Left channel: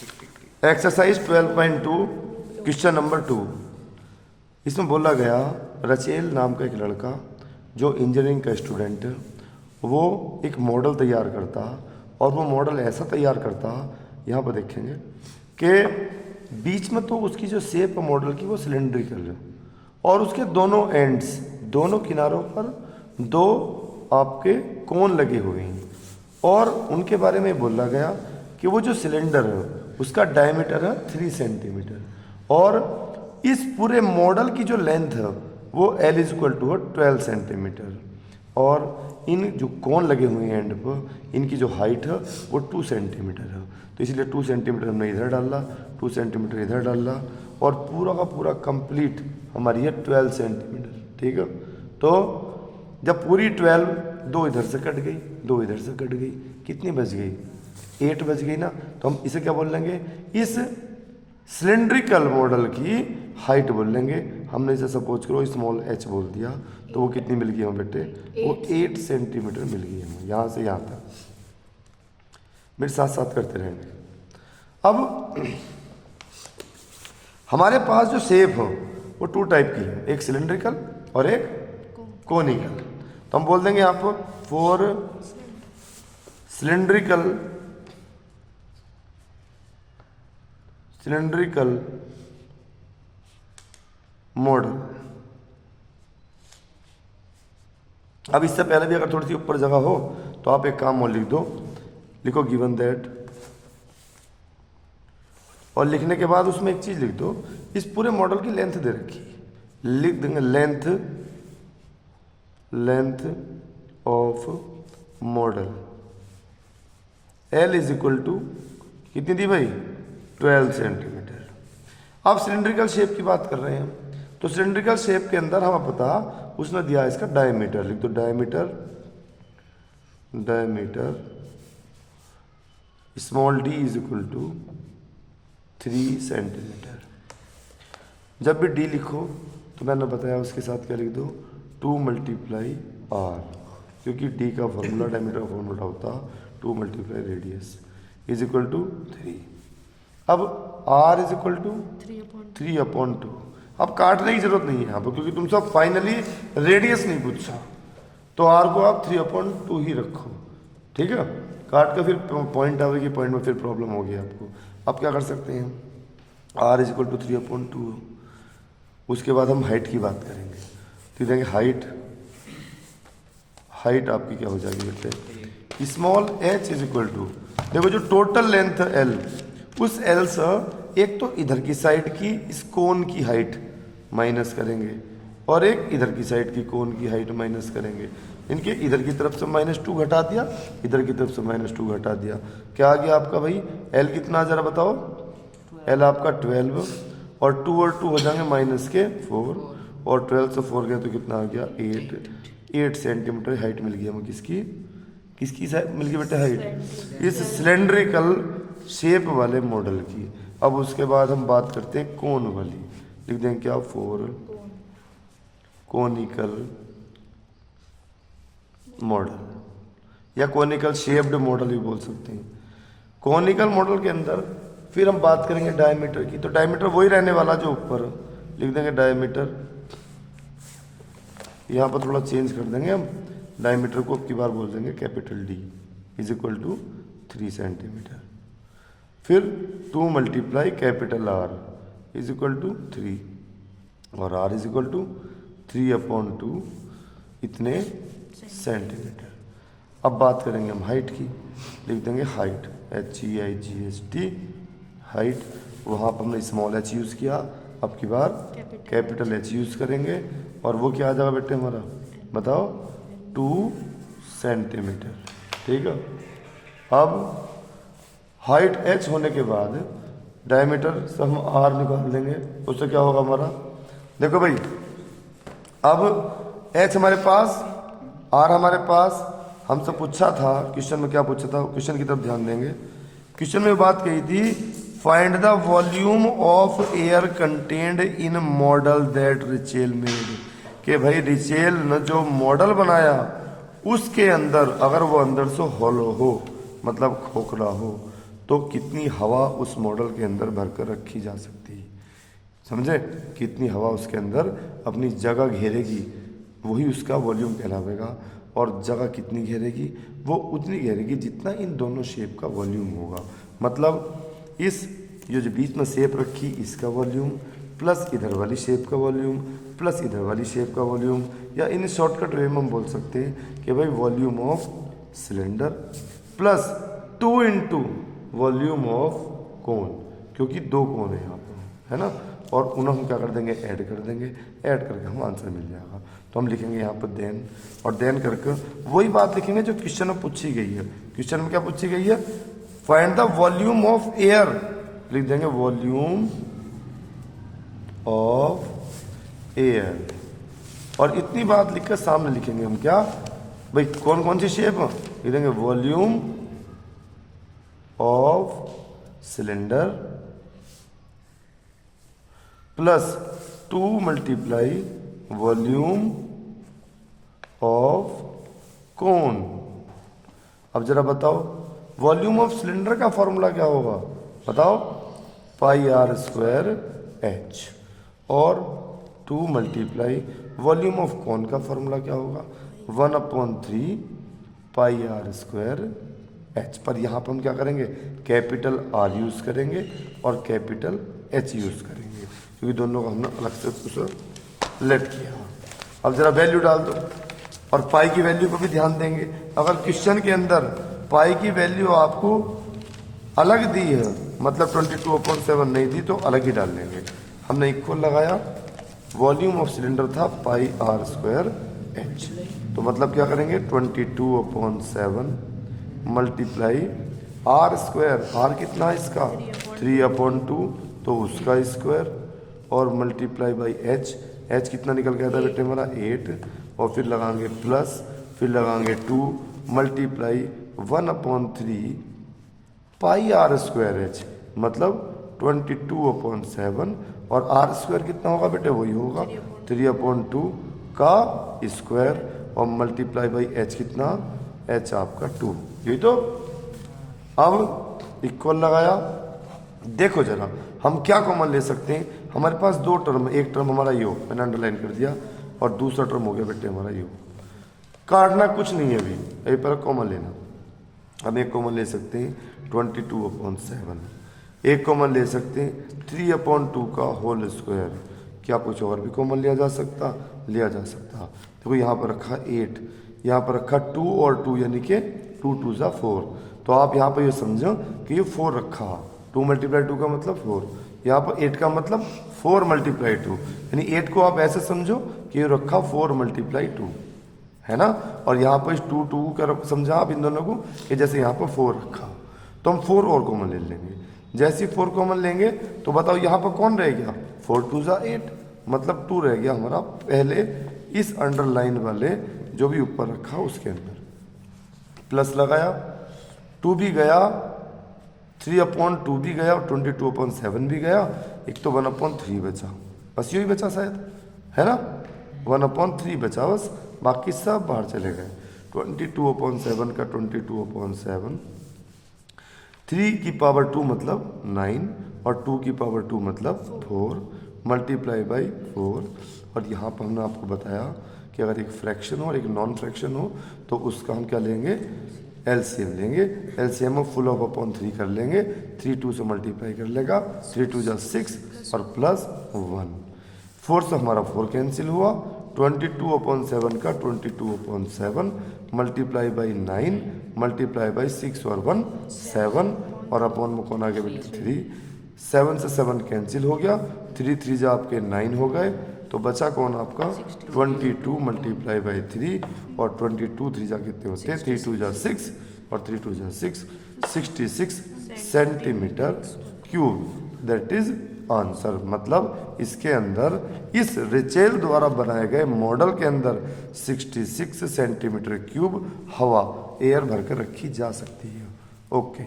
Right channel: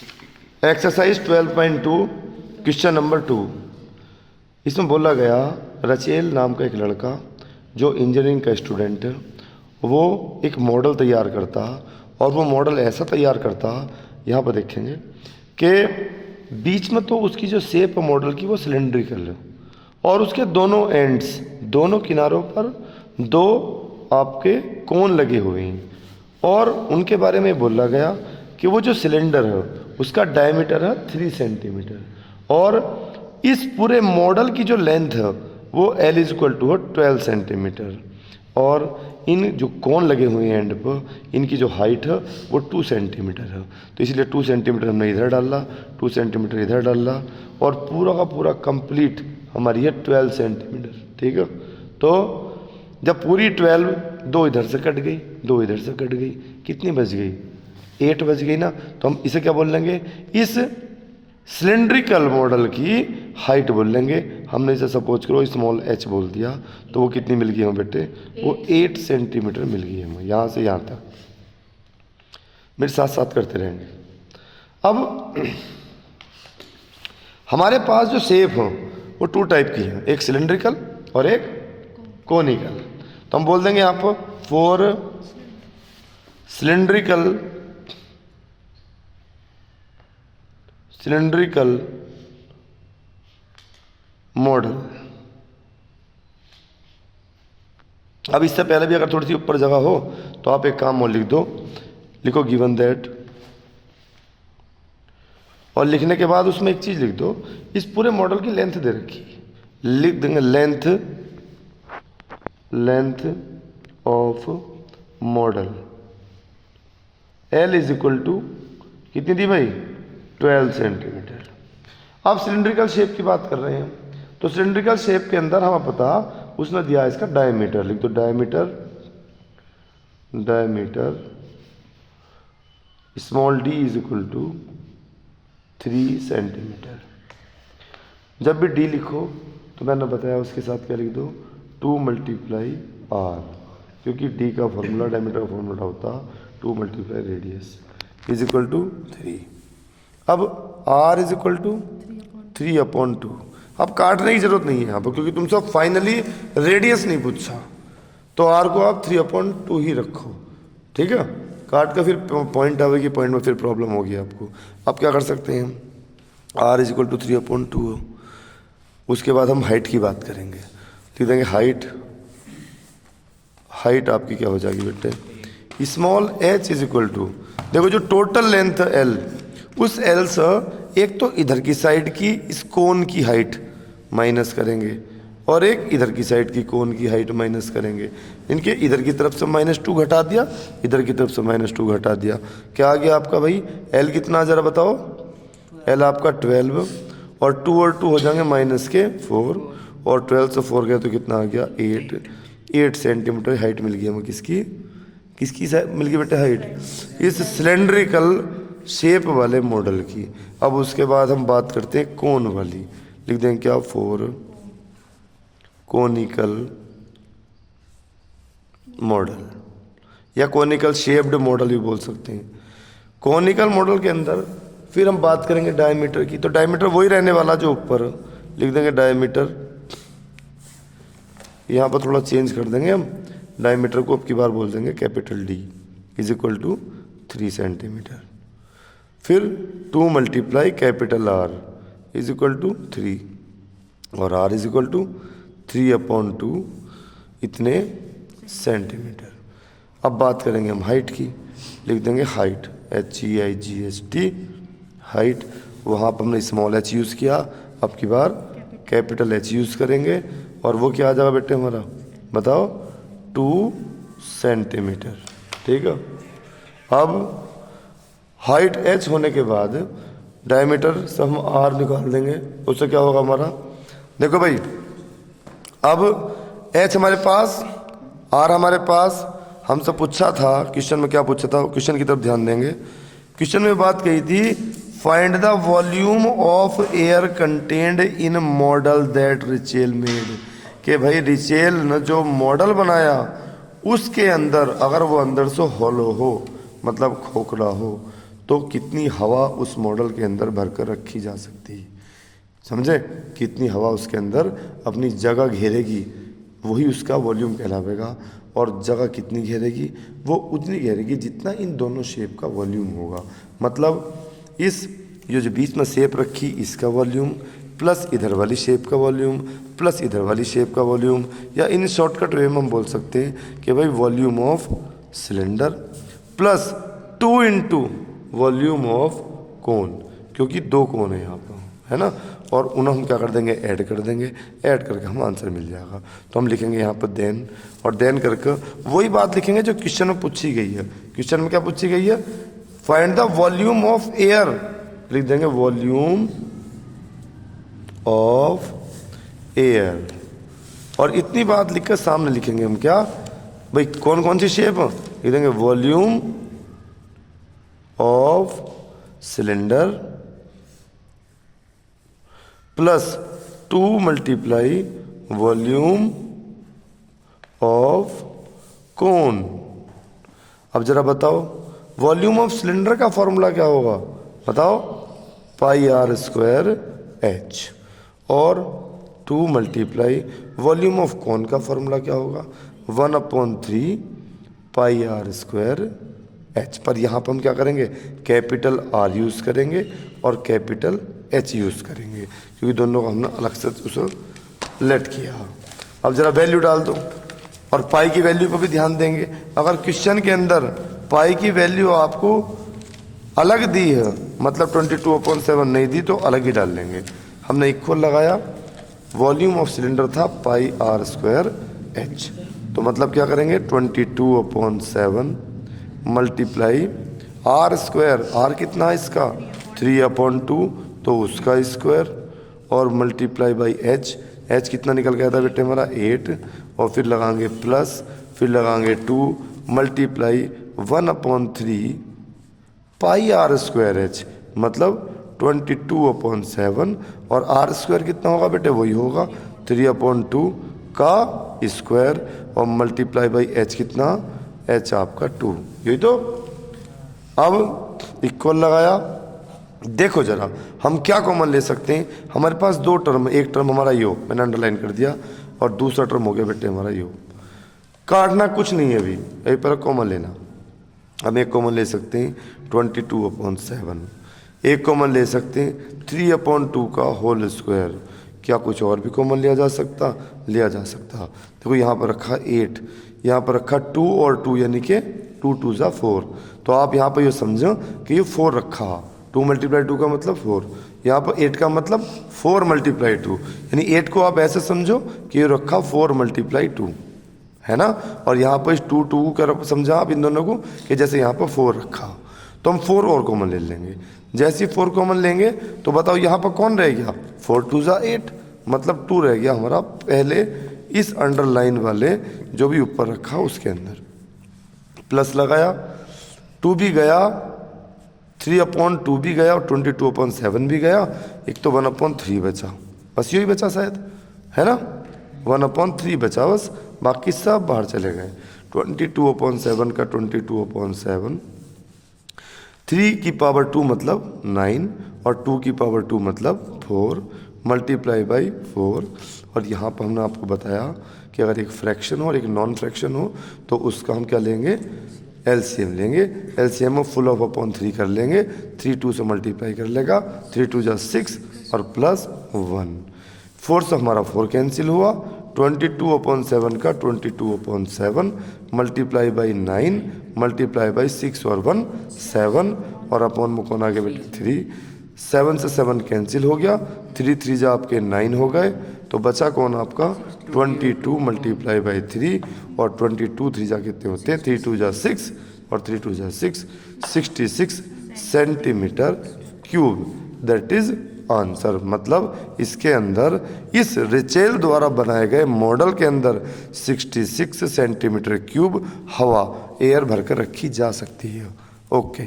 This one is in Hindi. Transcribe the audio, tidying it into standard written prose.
Exercise 12.2 question number 2। इसमें बोला गया रचेल नाम का एक लड़का जो इंजीनियरिंग का स्टूडेंट है, वो एक मॉडल तैयार करता और वो मॉडल ऐसा तैयार करता, यहाँ पर देखेंगे कि बीच में तो उसकी जो शेप है मॉडल की वो सिलेंड्रिकल है और उसके दोनों एंड्स, दोनों किनारों पर दो आपके कोन लगे हुए हैं और उनके बारे में बोला गया कि वो जो सिलेंडर है उसका डायमीटर है 3 सेंटीमीटर और इस पूरे मॉडल की जो लेंथ है वो L is equal to 12 centimetre और इन जो कोन लगे हुए हैं एंड पर इनकी जो हाइट है वो 2 सेंटीमीटर है। तो इसलिए 2 सेंटीमीटर हमने इधर डाला, 2 सेंटीमीटर इधर डाला और पूरा का पूरा कंप्लीट हमारी है 12 सेंटीमीटर। ठीक है, तो जब पूरी 12, दो इधर से कट गई, दो इधर से कट गई, कितनी बच गई? 8 बच गई ना। तो हम इसे क्या बोल लेंगे? इस सिलेंड्रिकल मॉडल की हाइट बोल लेंगे। हमने इसे सपोज करो स्मॉल h बोल दिया, तो वो कितनी मिल गई हमें बेटे? वो 8 सेंटीमीटर मिल गई हमें, यहाँ से यहाँ तक। मेरे साथ साथ करते रहेंगे। अब हमारे पास जो शेप हो वो 2 टाइप की है, एक सिलेंड्रिकल और एक कोनिकल। तो हम बोल देंगे आप फॉर सिलेंड्रिकल मॉडल। अब इससे पहले भी अगर थोड़ी सी ऊपर जगह हो तो आप एक काम और लिख दो, लिखो गिवन दैट, और लिखने के बाद उसमें एक चीज लिख दो, इस पूरे मॉडल की लेंथ दे रखी, लिख देंगे length of model L is equal to कितनी दी भाई? 12 सेंटीमीटर। अब सिलेंड्रिकल शेप की बात कर रहे हैं, तो सिलेंड्रिकल शेप के अंदर हमें पता उसने दिया इसका डायमीटर, लिख दो diameter small d is equal to 3 centimetre. जब भी d लिखो तो मैंने बताया उसके साथ क्या लिख दो? 2 मल्टीप्लाई r, क्योंकि d का फॉर्मूला, डायमीटर का फॉर्मूला होता 2 multiply radius is equal to 3। अब r इज इक्वल टू 3/2। अब काटने की जरूरत नहीं है यहाँ पर, क्योंकि तुमसे फाइनली रेडियस नहीं पूछा, तो r को आप 3/2 ही रखो। ठीक है, काट का फिर पॉइंट आवेगी, पॉइंट में फिर प्रॉब्लम होगी आपको। आप क्या कर सकते हैं? r is equal to 3/2। उसके बाद हम हाइट की बात करेंगे, लिख देंगे हाइट आपकी क्या हो जाएगी बेटे? Small h is equal to, देखो जो टोटल लेंथ है L, उस L से एक तो इधर की साइड की इस कोन की हाइट माइनस करेंगे और एक इधर की साइड की कोन की हाइट माइनस करेंगे। इनके इधर की तरफ से -2 घटा दिया, इधर की तरफ से -2 घटा दिया, क्या आ गया आपका भाई? L कितना जरा बताओ? L आपका 12 और 2 और 2 हो जाएंगे -4 और 12 से 4 गया तो कितना आ गया? 8 सेंटीमीटर हाइट मिल गई हमें। किसकी मिल गई बेटे हाइट? इस सिलेंड्रिकल शेप वाले मॉडल की। अब उसके बाद हम बात करते हैं कोन वाली, लिख देंगे क्या? फॉर कोनिकल मॉडल या कोनिकल शेप्ड मॉडल भी बोल सकते हैं। कोनिकल मॉडल के अंदर फिर हम बात करेंगे डायमीटर की, तो डायमीटर वही रहने वाला जो ऊपर, लिख देंगे डायमीटर। यहाँ पर थोड़ा चेंज कर देंगे हम, डायमीटर को अब की बार बोल देंगे capital D is equal to 3 centimetre. फिर 2 multiply capital R is equal to 3 और R इज इक्वल टू 3/2 इतने सेंटीमीटर। अब बात करेंगे हम हाइट की, लिख देंगे हाइट HEIGHT हाइट। वहाँ पर हमने स्मॉल h यूज़ किया, अब की बार कैपिटल H यूज़ करेंगे और वो क्या आ जाएगा बेटे हमारा? बताओ? 2 सेंटीमीटर। ठीक है, अब हाइट h होने के बाद डायमीटर से हम r निकाल देंगे, उससे क्या होगा हमारा? देखो भाई, अब h हमारे पास, r हमारे पास, हमसे पूछा था क्वेश्चन में, क्या पूछा था? क्वेश्चन की तरफ ध्यान देंगे। क्वेश्चन में बात कही थी find the volume of air contained in model that Rachel made, कि भाई रिचेल ने जो मॉडल बनाया उसके अंदर अगर वो अंदर से हॉलो हो, मतलब खोखला हो, तो कितनी हवा उस मॉडल के अंदर भरकर रखी जा सकती है। समझे, कितनी हवा उसके अंदर अपनी जगह घेरेगी वही उसका वॉल्यूम कहलावेगा। और जगह कितनी घेरेगी, वो उतनी घेरेगी जितना इन दोनों शेप का वॉल्यूम होगा। मतलब इस ये जो बीच में शेप रखी इसका वॉल्यूम प्लस इधर वाली शेप का वॉल्यूम प्लस इधर वाली शेप का वॉल्यूम, या इन शॉर्टकट वे में हम बोल सकते हैं कि भाई volume of cylinder plus 2 into volume of cone, क्योंकि 2 कोन है यहाँ पर, है ना। और उन्हें हम क्या कर देंगे, ऐड कर देंगे, ऐड करके हम आंसर मिल जाएगा। तो हम लिखेंगे यहाँ पर देन, और देन करके वही बात लिखेंगे जो क्वेश्चन में पूछी गई है। क्वेश्चन में क्या पूछी गई है, find the volume of air, लिख देंगे वॉल्यूम ऑफ एयर। और इतनी बात लिखकर सामने लिखेंगे हम क्या, भाई कौन कौन सी शेप, लिख देंगे volume of cylinder plus 2 multiply volume of cone. अब जरा बताओ वॉल्यूम ऑफ सिलेंडर का फॉर्मूला क्या होगा, बताओ, पाई आर स्क्वायर एच। और 2 मल्टीप्लाई वॉल्यूम ऑफ कोन का फॉर्मूला क्या होगा, 1/3 पाई आर स्क्वायर एच। पर यहाँ पर हम क्या करेंगे, कैपिटल आर यूज़ करेंगे और कैपिटल एच यूज़ करेंगे, क्योंकि दोनों को हमने अलग से उसको लेट किया। अब जरा वैल्यू डाल दो, और पाई की वैल्यू पर भी ध्यान देंगे। अगर क्वेश्चन के अंदर पाई की वैल्यू आपको अलग दी है, मतलब 22/7 नहीं दी, तो अलग ही डाल लेंगे। हमने इक्वल लगाया, वॉल्यूम ऑफ सिलेंडर था पाई आर स्क्वायर एच, तो मतलब क्या करेंगे 22/7 मल्टीप्लाई आर स्क्वायर, आर कितना है इसका 3/2, तो उसका स्क्वायर, और मल्टीप्लाई बाई एच, एच कितना निकल गया था बेटे हमारा 8, और फिर लगाएंगे प्लस, फिर लगाएंगे 2 multiply 1/3 pi r square h, मतलब 22/7, और आर स्क्वायर कितना होगा बेटे, वही होगा 3/2 का स्क्वायर, और मल्टीप्लाई बाई एच कितना, एच आपका 2, यही तो। अब इक्वल लगाया, देखो जरा हम क्या कॉमन ले सकते हैं, हमारे पास 2 टर्म, एक टर्म हमारा यो, मैंने अंडरलाइन कर दिया, और दूसरा टर्म हो गया बेटे हमारा यो। काटना कुछ नहीं है अभी, यही पर कॉमन लेना। हम एक कॉमन ले सकते हैं 22/7, एक कॉमन ले सकते हैं 3/2 का होल स्क्वायर। क्या कुछ और भी कॉमन लिया जा सकता, लिया जा सकता। देखो यहाँ पर रखा 8, यहाँ पर रखा 2 और 2, यानी कि 2 2 ज़ा 4, तो आप यहाँ पर ये समझो कि ये 4 रखा, 2 मल्टीप्लाई 2 का मतलब 4, यहाँ पर 8 का मतलब 4 मल्टीप्लाई 2, यानी 8 को आप ऐसे समझो कि ये रखा 4 मल्टीप्लाई 2, है ना। और यहाँ पर 2 2 कर समझा आप इन दोनों को कि जैसे यहाँ पर 4 रखा, तो हम 4 और कॉमन ले लेंगे। जैसे 4 कॉमन लेंगे तो बताओ यहाँ पर कौन रह गया, 4 2 ज़ा 8, मतलब 2 रह गया हमारा पहले इस अंडरलाइन वाले जो भी ऊपर रखा उसके अंदर। प्लस लगाया, 2 भी गया, 3/2 भी गया, और 22/7 भी गया, एक तो 1/3 बचा, बस यही बचा शायद, है ना, 1/3 बचा बस, बाकी सब बाहर चले गए। 22/7 का 22/7, 3 की पावर 2 मतलब 9, और 2 की पावर 2 मतलब 4, मल्टीप्लाई बाई 4। और यहाँ पर हमने आपको बताया कि अगर एक फ्रैक्शन हो और एक नॉन फ्रैक्शन हो तो उसका हम क्या लेंगे, एलसीएम लेंगे। एलसीएम में फुल ऑफ अपॉन 3 कर लेंगे, 3 2 से मल्टीप्लाई कर लेगा, 3 2 ज़ा 6 और प्लस 1, 4 से हमारा 4 कैंसिल हुआ, 22/7 का 22/7 मल्टीप्लाई बाई 9 मल्टीप्लाई बाई 6 और 1 7, और अपॉन में कौन आगे बेटे 3, 7 से 7 कैंसिल हो गया, 3 3 जा आपके 9 हो गए, तो बचा कौन आपका 22 मल्टीप्लाई बाई 3, और 22 3 जा कितने होते हैं, 3 2 जा 6 और 3 2 जा 6, 66 centimetre cube, that is answer. मतलब इसके अंदर इस रिचेल द्वारा बनाए गए मॉडल के अंदर 66 सेंटीमीटर क्यूब हवा एयर भरकर रखी जा सकती है। ओके।